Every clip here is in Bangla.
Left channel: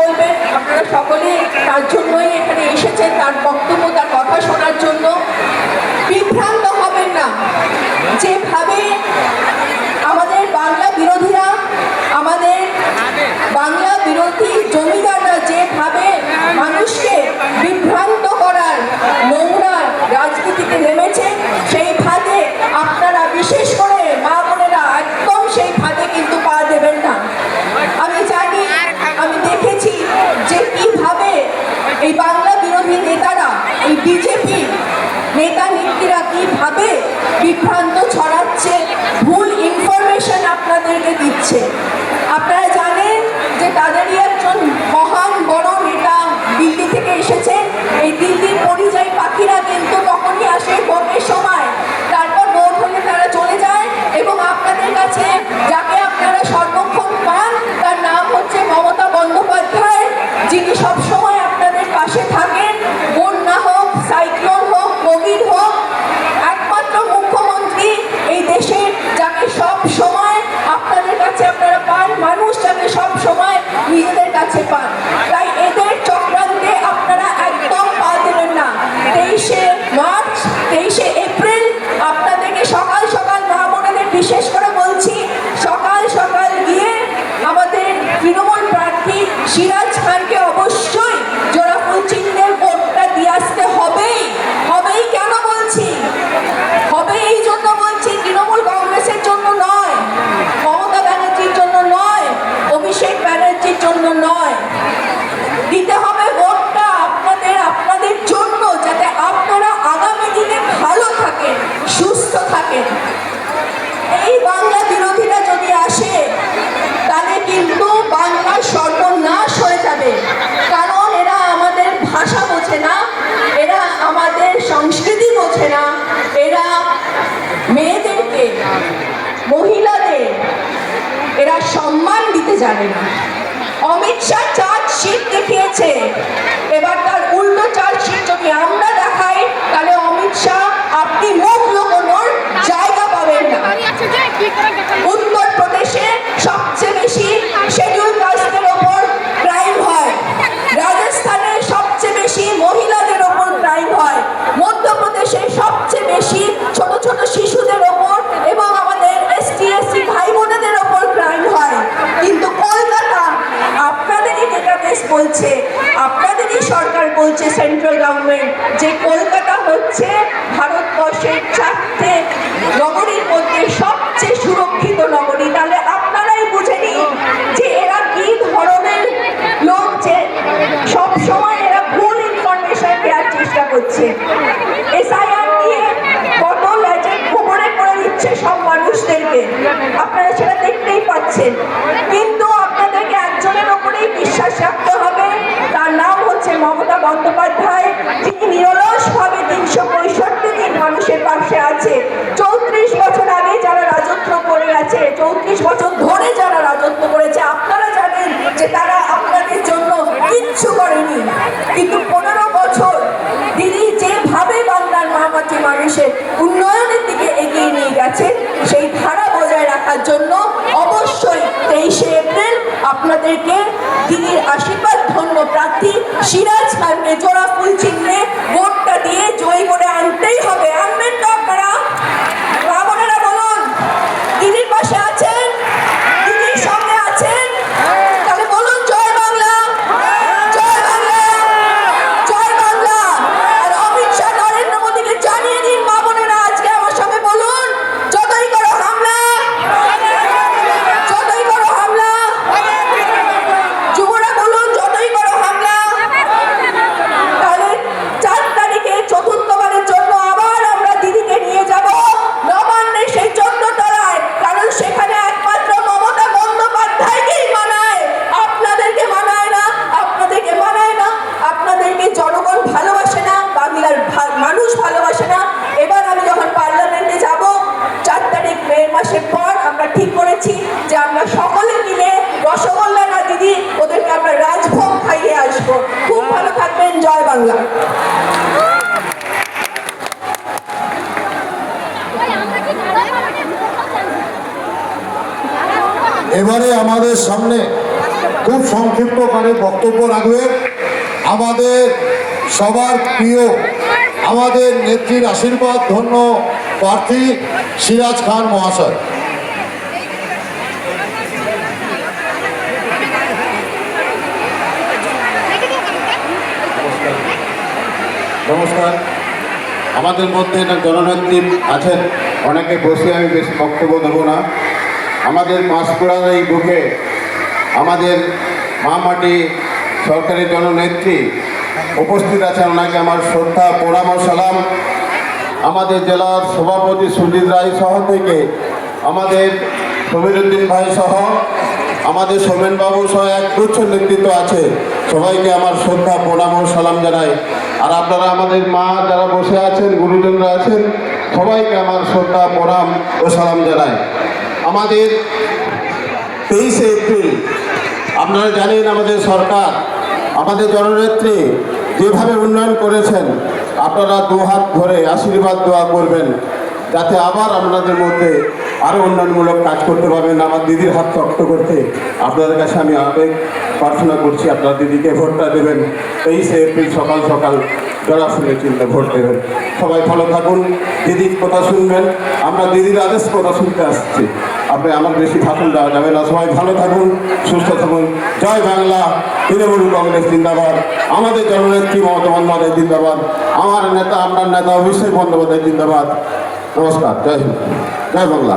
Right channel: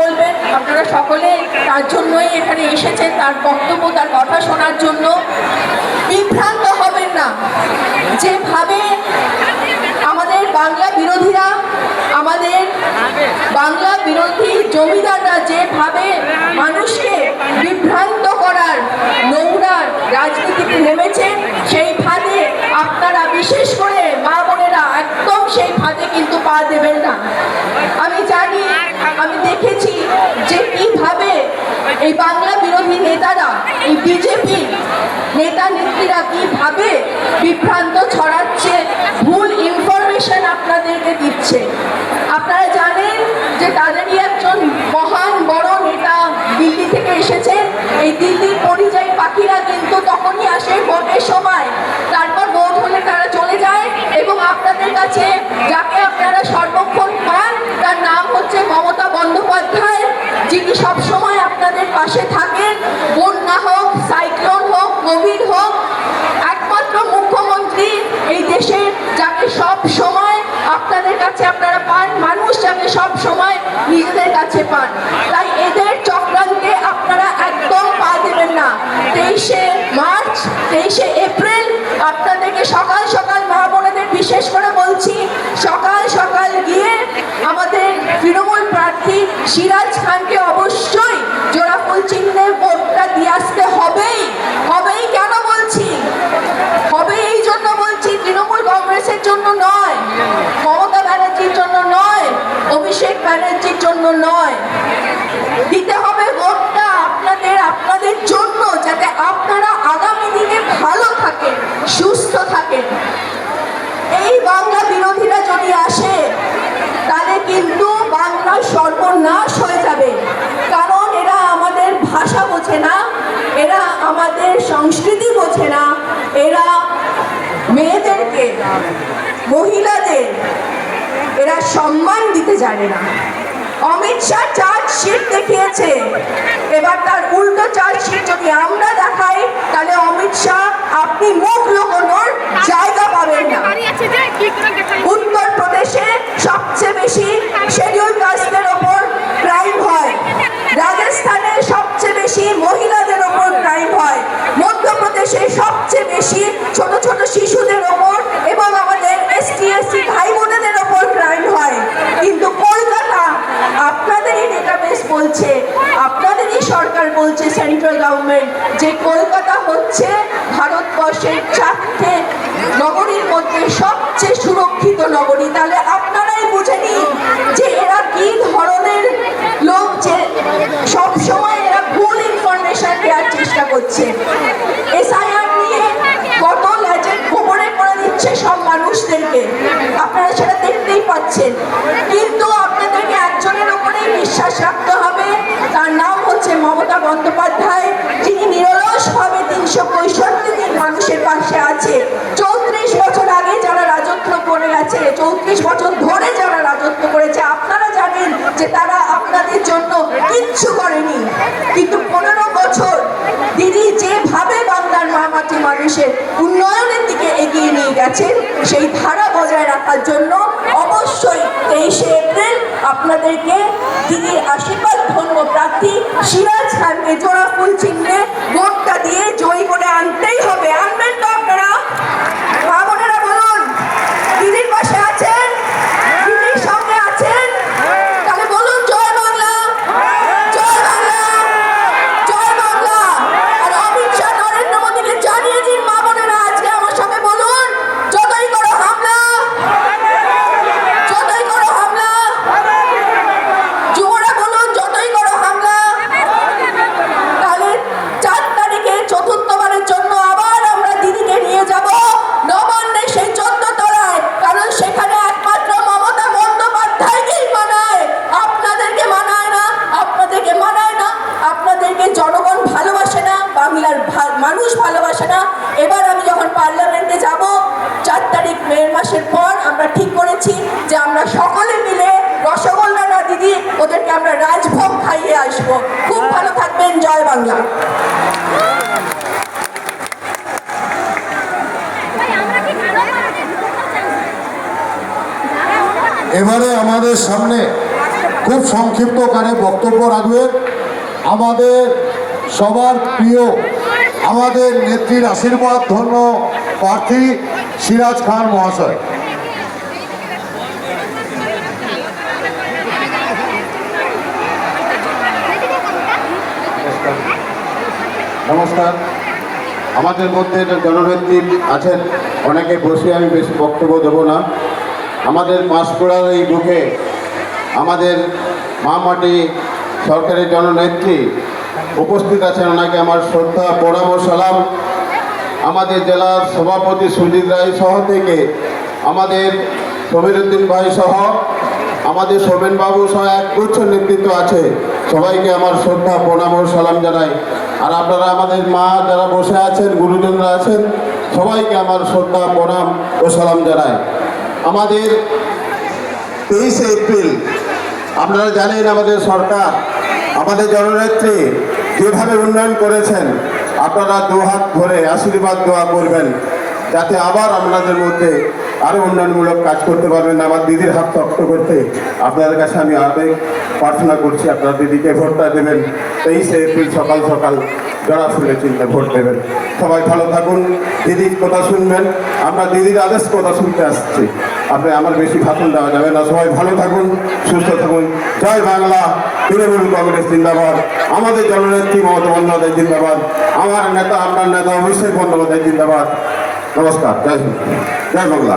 বলবেন, আপনারা সকলে তার জন্যই এখানে এসেছেন, তার বক্তব্য, তার কথা শোনার জন্য। বিভ্রান্ত হবেন না। যেভাবে আমাদের বাংলা বিরোধীরা, আমাদের বাংলা বিরোধী জমিদাররা যেভাবে মানুষকে বিভ্রান্ত করার নোংরা রাজনীতিতে নেমেছেন, সেই ফাঁদে আপনারা, বিশেষ করে মা বোনেরা, একদম সেই ফাঁদে কিন্তু পা দেবেন না। আমি জানি, আমি দেখেছি যে কিভাবে এই বাংলা বিরোধী নেতারা, এই বিজেপি নেতা নেত্রীরা কিভাবে বিভ্রান্ত ছড়াচ্ছে, ভুল ইনফরমেশন আপনাদেরকে দিচ্ছে। আপনারা জানেন যে তাদেরই একজন মহান বড় নেতা দিল্লি থেকে এসেছেন। এই দিল্লির পরিযায়ী পাখিরা কিন্তু তখনই আসে ভোটের সময়, তারপর ভোট হলে তারা চলে যায় এবং আপনাদের কাছে যাকে আপনারা সর্বক্ষণ পান তার নাম হচ্ছে মমতা বন্দ্যোপাধ্যায়, যিনি সবসময় আপনাদের পাশে থাকেন। বন্যা হোক, সাইক্লোন হোক, কোভিড হোক, একমাত্র মুখ্যমন্ত্রী এই দেশের, যাকে সব সময় আপনাদের কাছে আপনারা পান, মানুষ যাকে সব সময় নিজেদের কাছে পান। তাই এদের চক্রান্তে আপনারা একদম পা দেবেন না। 23শে মার্চ, 23শে এপ্রিল আপনাদেরকে সকাল সকাল, মা বোনেদের বিশেষ করে বলছি, সকাল সকাল গিয়ে আমাদের তৃণমূল প্রার্থী সিরাজ খানকে অবশ্যই জোড়াফুল চিহ্নে ভোটটা দিয়ে আসতে হবেই। হবেই কেন বলছি? হবে এই জন্য বলছি, তৃণমূল কংগ্রেসের জন্য নয়, মমতা ব্যানার্জির জন্য নয়, অভিষেক ব্যানার্জির জন্য নয়। দিতে হবে ভোটটা আপনাদের জন্য, যাতে আপনারা আগামী দিনে ভালো থাকেন, সুস্থ থাকেন। এই বাংলা বিরোধীরা যদি আসে তাহলে কিন্তু বাংলার সর্বনাশ হয়ে যাবে। কারণ এরা আমাদের ভাষা বোঝে না, এরা আমাদের সংস্কৃতি বোঝে না, এরা মেয়েদেরকে, মহিলাদের এরা সম্মান দিতে জানে না। অমিত শাহ চার্জশিট দেখিয়েছে, এবার তার উল্টো চার্জশিট যদি আমরা দেখাই তাহলে অমিত শাহ, আপনি মুখ লুকোনোর জায়গা পাবেন না। উত্তর প্রদেশে সবচেয়ে বেশি শিডিউল কাস্টের ওপর ক্রাইম হয়, রাজস্থানে সবচেয়ে বেশি মহিলাদের ওপর ক্রাইম হয়, মধ্যপ্রদেশে সবচেয়ে বেশি ছোট ছোট শিশুদের ওপর এবং আমাদের ST/SC ভাই বোনেদের ওপর ক্রাইম হয়। কিন্তু কলকাতা, আপনাদেরই ডেটাবেস বলছে, আপনাদেরই সরকার বলছে, সেন্ট্রাল গভর্নমেন্ট, যে কলকাতা হচ্ছে ভারতবর্ষের 4টে নগরীর মধ্যে সবচেয়ে সুরক্ষিত নগরী। তাহলে আপনারাই বুঝে নিন যে এরা কি ধরনের লোক, যে সবসময় এরা ভুল ইনফরমেশন দেওয়ার চেষ্টা করছে। SIR নিয়ে কত লেজেন্ড খবরে করে দিচ্ছে সব মানুষদেরকে, আপনারা সেটা দেখতেই পাচ্ছেন। কিন্তু আপনাদেরকে একজনের ওপরেই বিশ্বাস রাখতে হবে, তার নাম হচ্ছে মমতা বন্দ্যোপাধ্যায়, যিনি নিরলসভাবে 365 দিন মানুষের পাশে আছে। 34 বছর আগে যারা রাজত্ব করে গেছে, 34 বছর ধরে যারা রাজত্ব করেছে, আপনারা জানেন যে তারা আপনাদের জন্য কিচ্ছু করেনি। কিন্তু 15 বছর দিদি যেভাবে বাংলার মাটি মানুষের উন্নয়নের দিকে এগিয়ে নিয়ে গেছেন, সেই ধারা বজায় রাখার জন্য অবশ্যই 23শে এপ্রিল আপনাদেরকে দিদির আশীর্বাদ ধন্য প্রার্থী সিরাজ খানকে জোড়াফুল চিহ্নে ভোটটা দিয়ে জয়ী করে আনতেই হবে। আনবেন তো আপনারা? আপনারা বলুন, দিদির পাশে আছেন, দিদির সঙ্গে আছেন, তাহলে বলুন জয় বাংলা, জয় বাংলা, জয় বাংলা। আর অমিত শাহ, নরেন্দ্র মোদীকে জানিয়ে দিন, মা বোনেরা আজকে আমার সঙ্গে বলুন, যতই করো হামলা, যতই করো হামলা, যুবরা বলুন যতই করো হামলা। তাহলে 4 তারিখে চতুর্থবারের জন্য আবার আমরা দিদিকে নিয়ে যাব নবান্নে, সেই 14 তলায়, কারণ সেখানে একমাত্র মমতা বন্দ্যোপাধ্যায়কেই মানায়, আপনাদেরকে মানায় না, আপনাদেরকে মানায় না, আপনাদেরকে জনগণ ভালোবাসে না, বাংলার মানুষ ভালোবাসে না। এবার আমি যখন পার্লামেন্টে যাব 4 তারিখ মে মাসের পর, আমরা ঠিক করেছি যে আমরা সকলে মিলে রসগোল্লা না দিদি, ওদেরকে আমরা রাজভোগ খাইয়ে আসবো। খুব ভালো থাকবেন, জয় বাংলা। এবারে আমাদের সামনে খুব সংক্ষিপ্তকারে বক্তব্য রাখবেন আমাদের সবার প্রিয়, আমাদের নেত্রীর আশীর্বাদ ধন্য প্রার্থী সিরাজ খান মহাশয়। নমস্কার। আমাদের মধ্যে জননেত্রী আছেন অনেকে, বসে আমি বেশি বক্তব্য দেব না। আমাদের পাঁশকুড়ার এই বুকে আমাদের মা মাটি সরকারি জননেত্রী উপস্থিত আছেন, ওনাকে আমার শ্রদ্ধা প্রণাম ও সালাম। আমাদের জেলার সভাপতি সুজিত রায় সহ থেকে আমাদের সমীরউদ্দিন ভাই সহ আমাদের সোমেনবাবু সহ একগুচ্ছ নেতৃত্ব আছে, সবাইকে আমার শ্রদ্ধা প্রণাম ও সালাম জানাই। আর আপনারা আমাদের মা যারা বসে আছেন, গুরুজনরা আছেন, সবাইকে আমার শ্রদ্ধা প্রণাম ও সালাম জানাই। আমাদের 23শে এপ্রিল আপনারা জানেন আমাদের সরকার, আমাদের জননেত্রী যেভাবে উন্নয়ন করেছেন, আপনারা দুহাত ধরে আশীর্বাদ দোয়া করবেন যাতে আবার আপনাদের মধ্যে আরও উন্নয়নমূলক কাজ করতে পারবেন। আমার দিদির হাত শক্ত করতে আপনাদের কাছে আমি আবেগ প্রার্থনা করছি, আপনারা দিদিকে ভোটটা দেবেন। 23শে এপ্রিল সকাল সকাল যারা শুনে চিন্তা ভোট দেবেন। সবাই ভালো থাকুন, দিদির কথা শুনবেন, আমরা দিদির আদেশ কথা শুনতে আসছি। আপনি আমার বেশি ভাষণ দেওয়া যাবে না। সবাই ভালো থাকুন, সুস্থ থাকুন। জয় বাংলা, তৃণমূল কংগ্রেস জিন্দাবাদ, আমাদের জননেত্রী মমতা বন্দ্যোপাধ্যায় জিন্দাবাদ, আমার নেতা আপনার নেতা অভিষেক বন্দ্যোপাধ্যায় জিন্দাবাদ। নমস্কার, জয় হিন্দ, জয় বাংলা।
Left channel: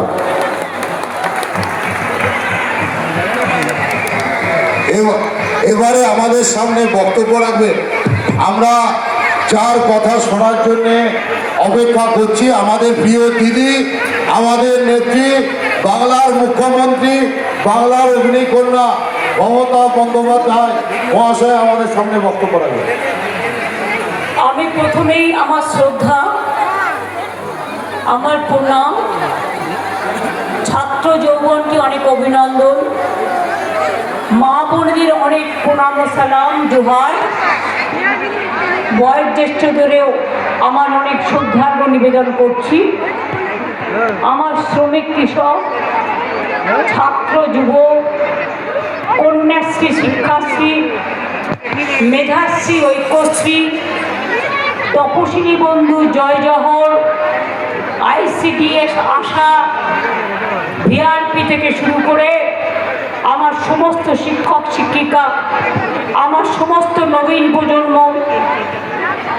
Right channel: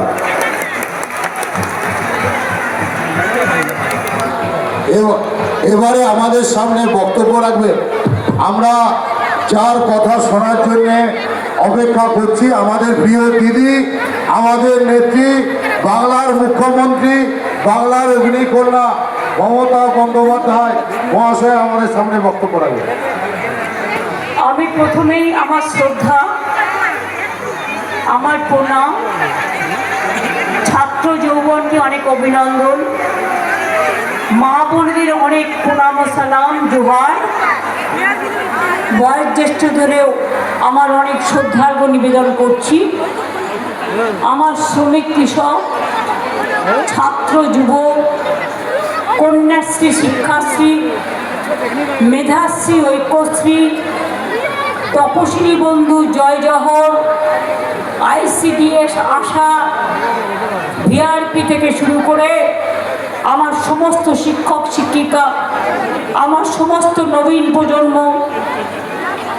এবারে আমাদের সামনে বক্তব্য রাখবেন, আমরা যার কথা শোনার জন্য অপেক্ষা করছি, আমাদের প্রিয় দিদি, আমাদের নেত্রী, বাংলার মুখ্যমন্ত্রী, বাংলার অগ্নিকন্যা মমতা বন্দ্যোপাধ্যায় মহাশয় আমাদের সামনে বক্তব্য রাখবেন। আমি প্রথমেই আমার শ্রদ্ধা, আমার প্রণাম, ছাত্র যৌবনকে অনেক অভিনন্দন, মা বোনদের অনেক প্রণাম ও সালাম, জোহার। বয়োজ্যেষ্ঠদেরও আমার অনেক শ্রদ্ধার্ঘ নিবেদন করছি। আমার শ্রমিক, কৃষক, ছাত্র, যুব, কন্যাশ্রী, শিক্ষাশ্রী, মেধাশ্রী, ঐক্যশ্রী, তপশিলী বন্ধু, জয় জহর, ICDS, আশা, VRP থেকে শুরু করে আমার সমস্ত শিক্ষক শিক্ষিকা, আমার সমস্ত নবীন প্রজন্ম,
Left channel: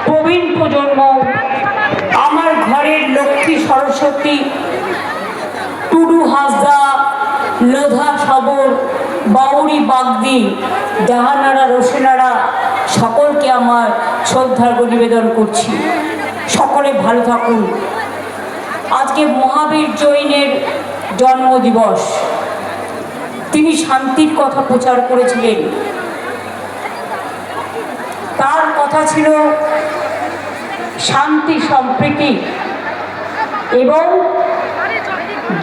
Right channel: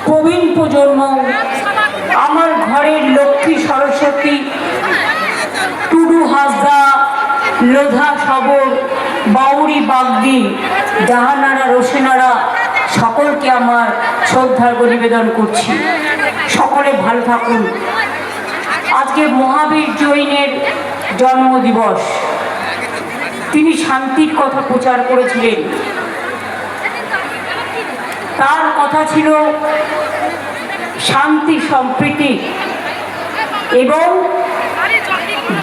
প্রবীণ প্রজন্ম, আমার ঘরের লক্ষ্মী, সরস্বতী, টুডু, হাসদা, লোধা, সবর, বাউরি, বাগদি, জাহানারা, রোশেনারা, সকলকে আমার শ্রদ্ধার্ঘ নিবেদন করছি। সকলে ভালো থাকুন। আজকে মহাবীর জৈনের জন্মদিবস। তিনি শান্তির কথা প্রচার করেছিলেন। তার কথা ছিল শান্তি, সম্প্রীতি এবং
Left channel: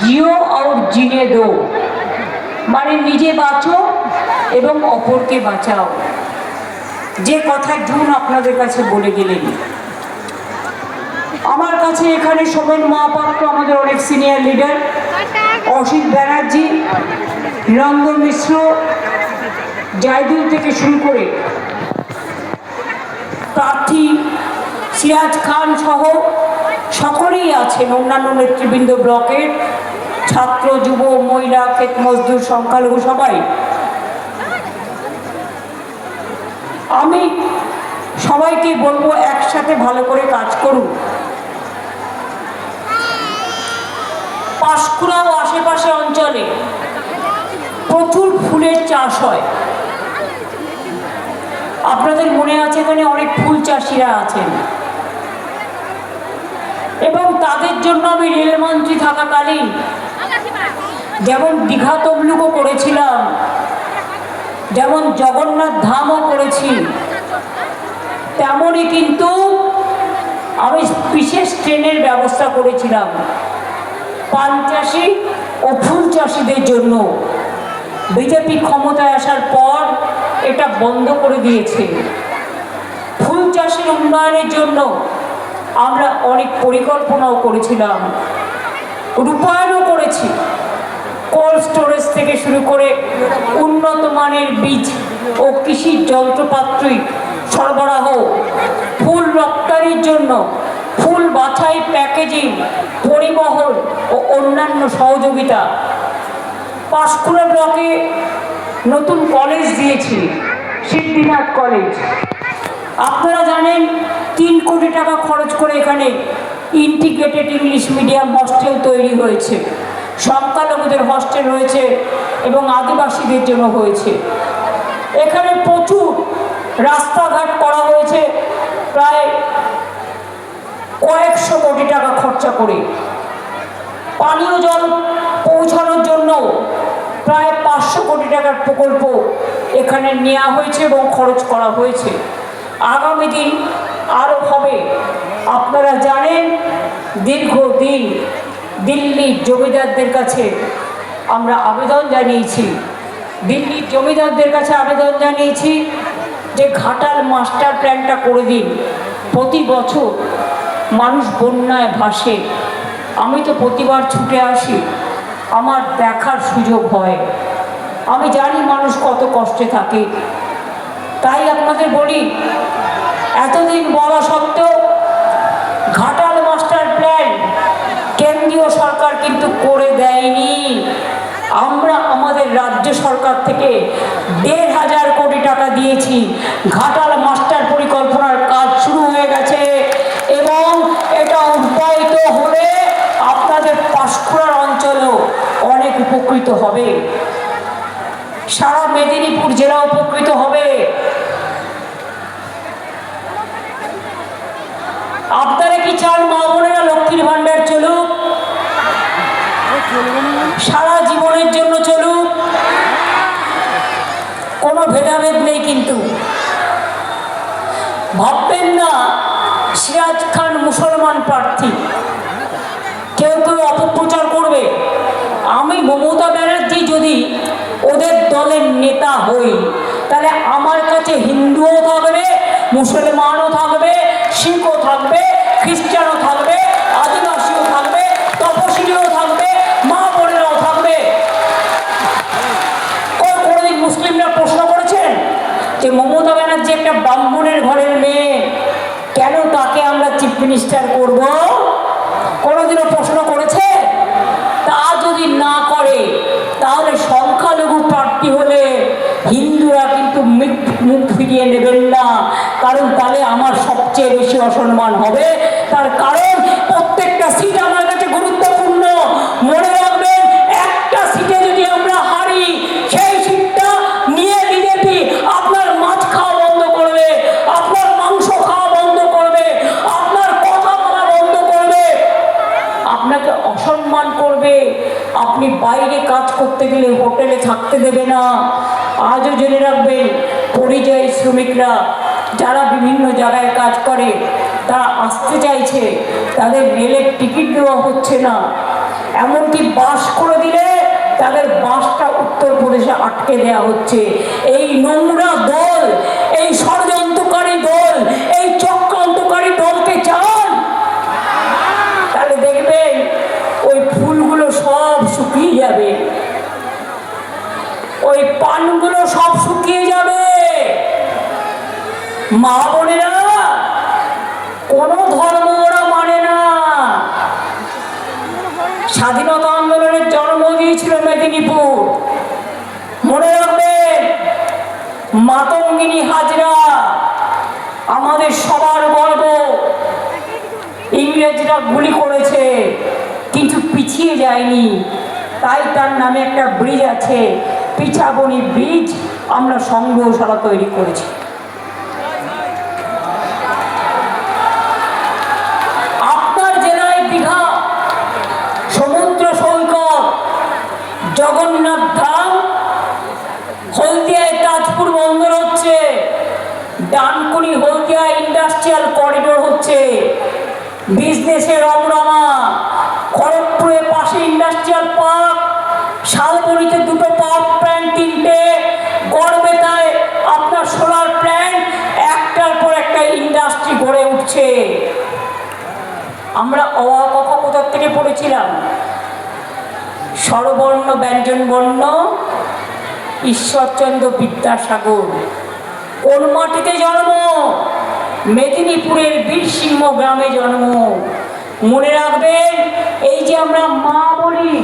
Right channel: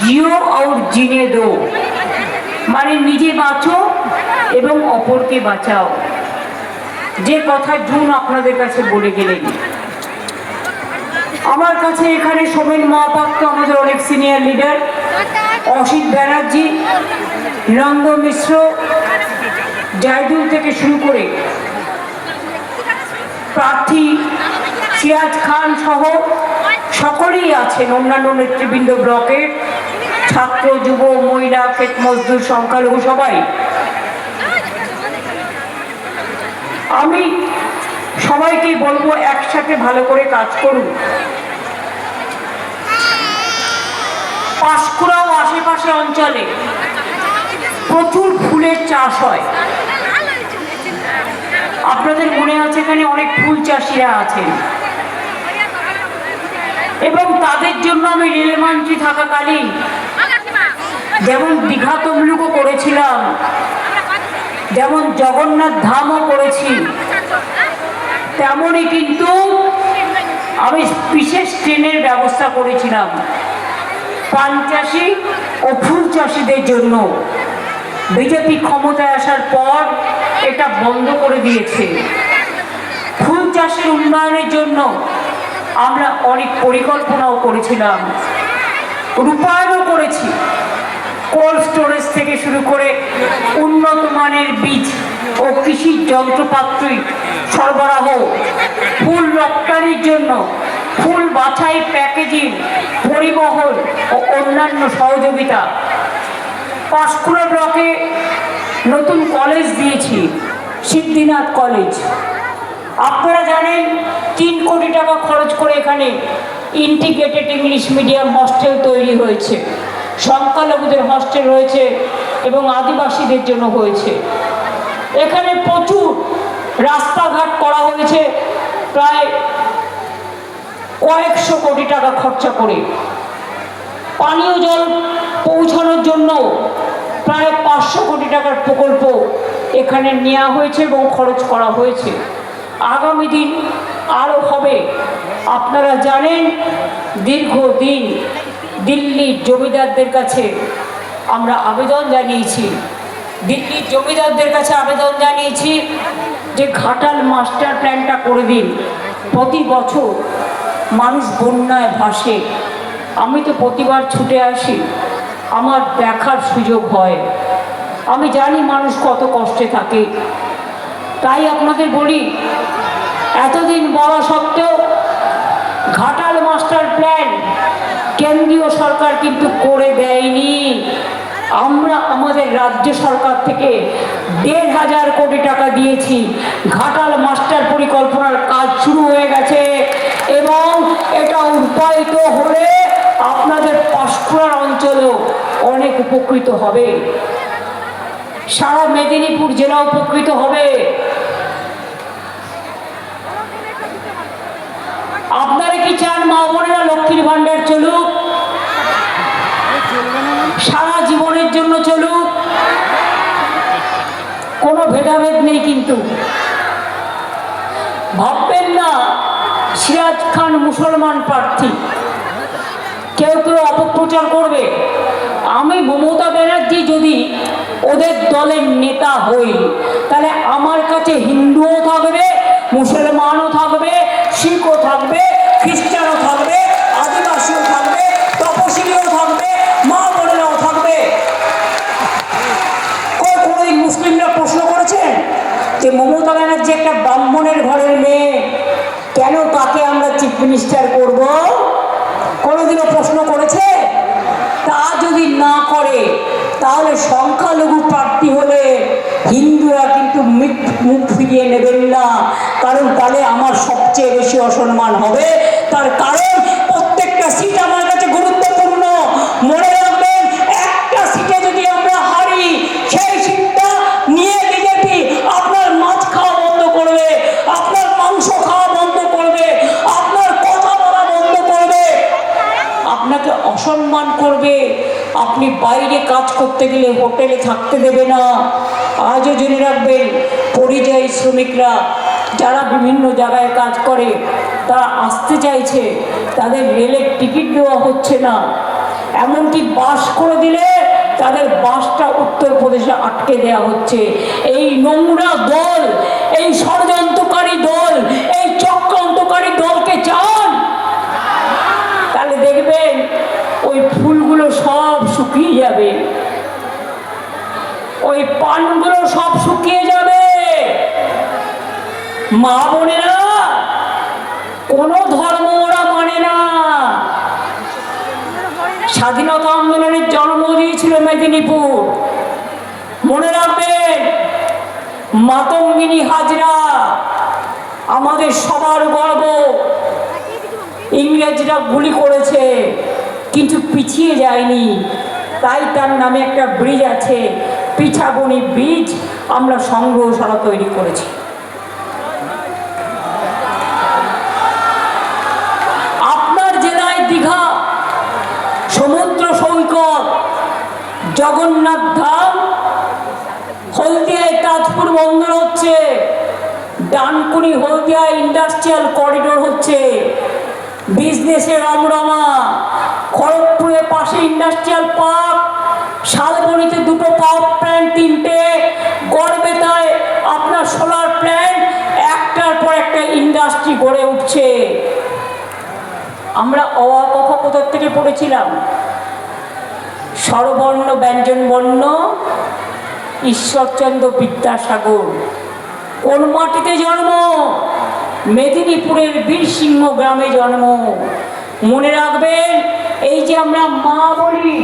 জিও আর জিনে দো, মানে নিজে বাঁচো এবং অপরকে বাঁচাও। যে কথা জুন আপনাদের কাছে বলে গেলেন। আমার কাছে এখানে সোমেন মহাপাত্র, আমাদের অনেক সিনিয়র লিডার, অসিত ব্যানার্জি, রঙ্গন মিশ্র, জাইদুল থেকে শুরু করে প্রার্থী সিরাজ খান সহ সকলেই আছেন, অন্যান্য নেতৃবৃন্দ, ব্লকের ছাত্র, যুব, মহিলা, ক্ষেত মজদুর, সংখ্যালঘু সবাই। আমি সবাইকে বলবো একসাথে ভালো করে কাজ করুন। পাঁশকুড়া ও আশেপাশে অঞ্চলে প্রচুর ফুলের চাষ হয়। আপনাদের মনে আছে এখানে অনেক ফুল চাষিরা আছেন এবং তাদের জন্য আমি রেলমন্ত্রী থাকাকালীন যেমন দীঘা তমলুকও করেছিলাম, যেমন জগন্নাথ ধামও করেছি, তেমনই কিন্তু আমি বিশেষ ট্রেনের ব্যবস্থা করেছিলাম পান চাষি ও ফুল চাষিদের জন্য। বিজেপি ক্ষমতায় আসার পর এটা বন্ধ করে দিয়েছে। ফুল চাষের উন্নয়নের জন্য আমরা অনেক পরিকল্পনাও করেছিলাম, রূপায়ণও করেছি। কোল্ড স্টোরেজ থেকে শুরু করে উন্নত মানের বীজ ও কৃষি যন্ত্রপাতি সরবরাহ, ফুল রপ্তানির জন্য ফুল বাছাই, প্যাকেজিং, পরিবহন ও অন্যান্য সহযোগিতা। পাঁশকুড়া ব্লকে নতুন কলেজ দিয়েছি, সিদ্ধিনাথ কলেজ। আপনারা জানেন 3 কোটি টাকা খরচ করে এখানে ইন্টিগ্রেটেড ইংলিশ মিডিয়াম হস্টেল তৈরি হয়েছে, সংখ্যালঘুদের হস্টেল রয়েছে এবং আদিবাসীদের জন্য হয়েছে। এখানে প্রচুর রাস্তাঘাট করা হয়েছে, প্রায় কয়েকশো কোটি টাকা খরচা করে। পানীয় জল পৌঁছানোর জন্য প্রায় 500 কোটি টাকার প্রকল্প এখানে নেওয়া হয়েছে এবং খরচ করা হয়েছে। আগামী দিন আরও হবে। আপনারা জানেন দীর্ঘদিন দিল্লির জমিদারদের কাছে আমরা আবেদন জানিয়েছি, দিল্লির জমিদারদের কাছে আবেদন জানিয়েছি যে ঘাটাল মাস্টার প্ল্যানটা করে দিন। প্রতি বছর মানুষ বন্যায় ভাসে, আমি তো প্রতিবার ছুটে আসি, আমার দেখার সুযোগ হয়, আমি জানি মানুষ কত কষ্টে থাকে। তাই আপনাদের বলি, এতদিন বলা সত্ত্বেও ঘাটাল মাস্টার প্ল্যান কেন্দ্রীয় সরকার কিন্তু করে দেয়নি। আমরা আমাদের রাজ্য সরকার থেকে 1,500 কোটি টাকা দিয়েছি। ঘাটাল মাস্টার পরিকল্পনার কাজ শুরু হয়ে গেছে এবং এটা রূপায়িত হলে আপনাদের পাঁশকুড়ার অঞ্চলও অনেক উপকৃত হবে, সারা মেদিনীপুর জেলা উপকৃত হবে। আপনারা কি চান মা বোনেরা লক্ষ্মীর ভাণ্ডার চলুক, সারা জীবনের জন্য চলুক? কোনো ভেদাভেদ নেই, কিন্তু ভাববেন না সিরাজ খান মুসলমান প্রার্থী, কেউ কেউ অপপ্রচার করবে। আমি মমতা ব্যানার্জি যদি ওদের দলের নেতা হই, তাহলে আমার কাছে হিন্দুও থাকবে, মুসলমানও থাকবে, শিখও থাকবে, খ্রিস্টানও থাকবে, আদিবাসীও থাকবে, তপশিলীও থাকবে, মা বোনেরাও থাকবে। কোনোদিন মুসলিমরা প্রশ্ন করেছেন যে মমতা ব্যানার্জি একটা ব্রাহ্মণের ঘরের মেয়ে, কেন তাকে আমরা চিফ মিনিস্টার করব? কোনোদিনও প্রশ্ন করেছে? তা যদি না করে, তাহলে সংখ্যালঘু প্রার্থী হলে হিন্দুরা কিন্তু মুখ ফিরিয়ে নেবেন না, কারণ তাহলে আমার সবচেয়ে বেশি অসম্মান হবে। তার কারণ প্রত্যেকটা সিট আমার কাছে গুরুত্বপূর্ণ। মনে রাখবেন, একটা সিটে যদি আমরা হারি, সেই সিটটা নিয়ে বিজেপি আপনার মাছ খাওয়া বন্ধ করবে, আপনার মাংস খাওয়া বন্ধ করবে, আপনার কথা বলা বন্ধ করবে, আপনাকে অসম্মান করবে। আপনি বাইরে কাজ করতে গেলে হোটেলে থাকতে দেবে না। আজও জেনে রাখবেন, পরিযায়ী শ্রমিকরা যারা বিভিন্ন জায়গায় কাজ করে, তারা আসতে চাইছে, তাদের রেলের টিকিট দেওয়া হচ্ছে না। এমনকি বাস করে দিলে তাদের বাসটা উত্তরপ্রদেশে আটকে দেওয়া হচ্ছে। এই নোংরা দল, এই ষড়যন্ত্রকারী দল, এই চক্রান্তকারী দলকে চান, তাহলে দেখবেন ওই ফুলগুলো সব শুকিয়ে যাবে, ওই পানগুলো সব শুকিয়ে যাবে। মা বোনেরা, কোনো ধর্ম ওরা মানে না। স্বাধীনতা আন্দোলনের জন্ম দিয়েছিল মেদিনীপুর। মনে রাখবেন, মাতঙ্গিনী হাজরা আমাদের সবার গর্ব। ইংরেজরা গুলি করেছে কিন্তু পিছিয়ে যায়নি, তাই তার নামে একটা ব্রিজ আছে, পিছাবনি ব্রিজ। আমরা সংগ্রহশালা তৈরি করেছি। আপনার জেলায় দীঘা সমুদ্র সৈকত, জগন্নাথ ধাম, হলদিয়ায় তাজপুর বন্দর হচ্ছে, ডানকুনি হলদিয়া ইন্ডাস্ট্রিয়াল করিডোর হচ্ছে, বিজনেসের রমরমা। খড়গপুরের পাশে ইন্ডাস্ট্রিয়াল পার্ক, শালবনীতে 2টো পাওয়ার প্ল্যান্ট, 3টে, গড়বেতায় আপনার সোলার প্ল্যান্ট, একটার পর একটা ইন্ডাস্ট্রি গড়ে উঠছে। আমরা অ আ ক খ কোথার থেকে পড়েছিলাম? স্বরবর্ণ ব্যঞ্জন বর্ণ ঈশ্বরচন্দ্র বিদ্যাসাগর। কোন মাটিতে জন্ম? মেদিনীপুরের বীরসিংহ গ্রামে জন্ম। মনে রাখবেন, এই যে আমরা মা বলি,